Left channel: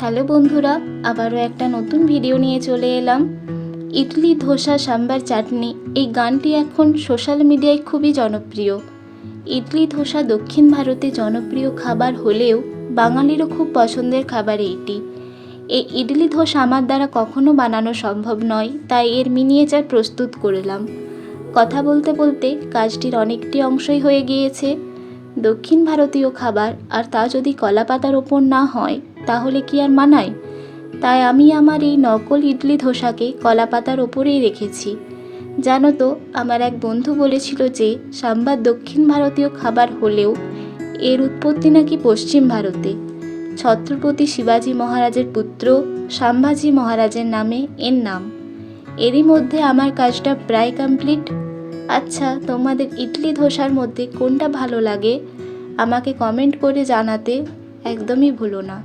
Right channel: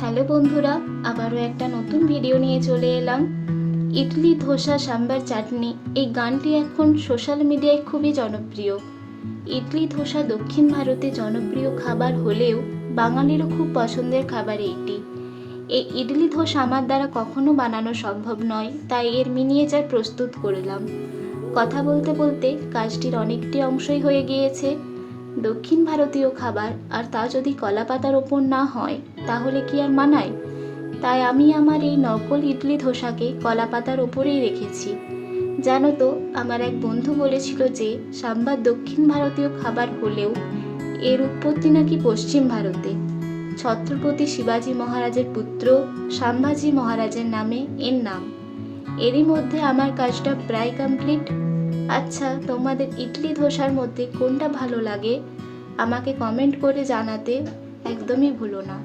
Hello বন্ধুরা, আবারও একটা নতুন ভিডিও নিয়ে চলে এলাম। ইডলি, ধোসা, সাম্বার, চাটনি এই গানটি এখন সোশ্যাল মিডিয়ায় খুবই জনপ্রিয়। ইডলি, ধোসা দক্ষিণ ভারতে জনপ্রিয় খাবার হলেও বাঙালিরও খুব পছন্দের খাবার এইটি। এই ইডলি, ধোসা আমার দ্বারা কখনো বানানো সম্ভব নয়, তাই এর মিনিয়েচার প্রস্তুত করলাম। কথা বলতে বলতে কাজটির অনেকটি অংশই হয়ে গিয়েছে। দক্ষিণ ভারতীয় খাবার, আর তা যদি কলা পাতার ওপর না হয় তাহলে কি আর মানায়? তাই আমি আমার এই নকল ইডলি ধোসাকে কলা পাতার ওপরেই রেখেছি। জানো তো, আমার এক বন্ধু বলেছিল যে সাম্বার দক্ষিণ ভারতীয় খাবার হলেও এর উৎপত্তি নাকি পশ্চিম ভারতে। ছত্রপতি শিবাজি মহারাজের পুত্র সাম্ভাজি মহারাজের নামে এর নাম। এরই মধ্যে আমার কাজটা প্রায় কমপ্লিট। আচ্ছা, তোমাদের ইডলি ধোসার মধ্যে কোনটা ভালো লাগে আমাকে কমেন্ট করে জানাতে একদমই ভুলো না।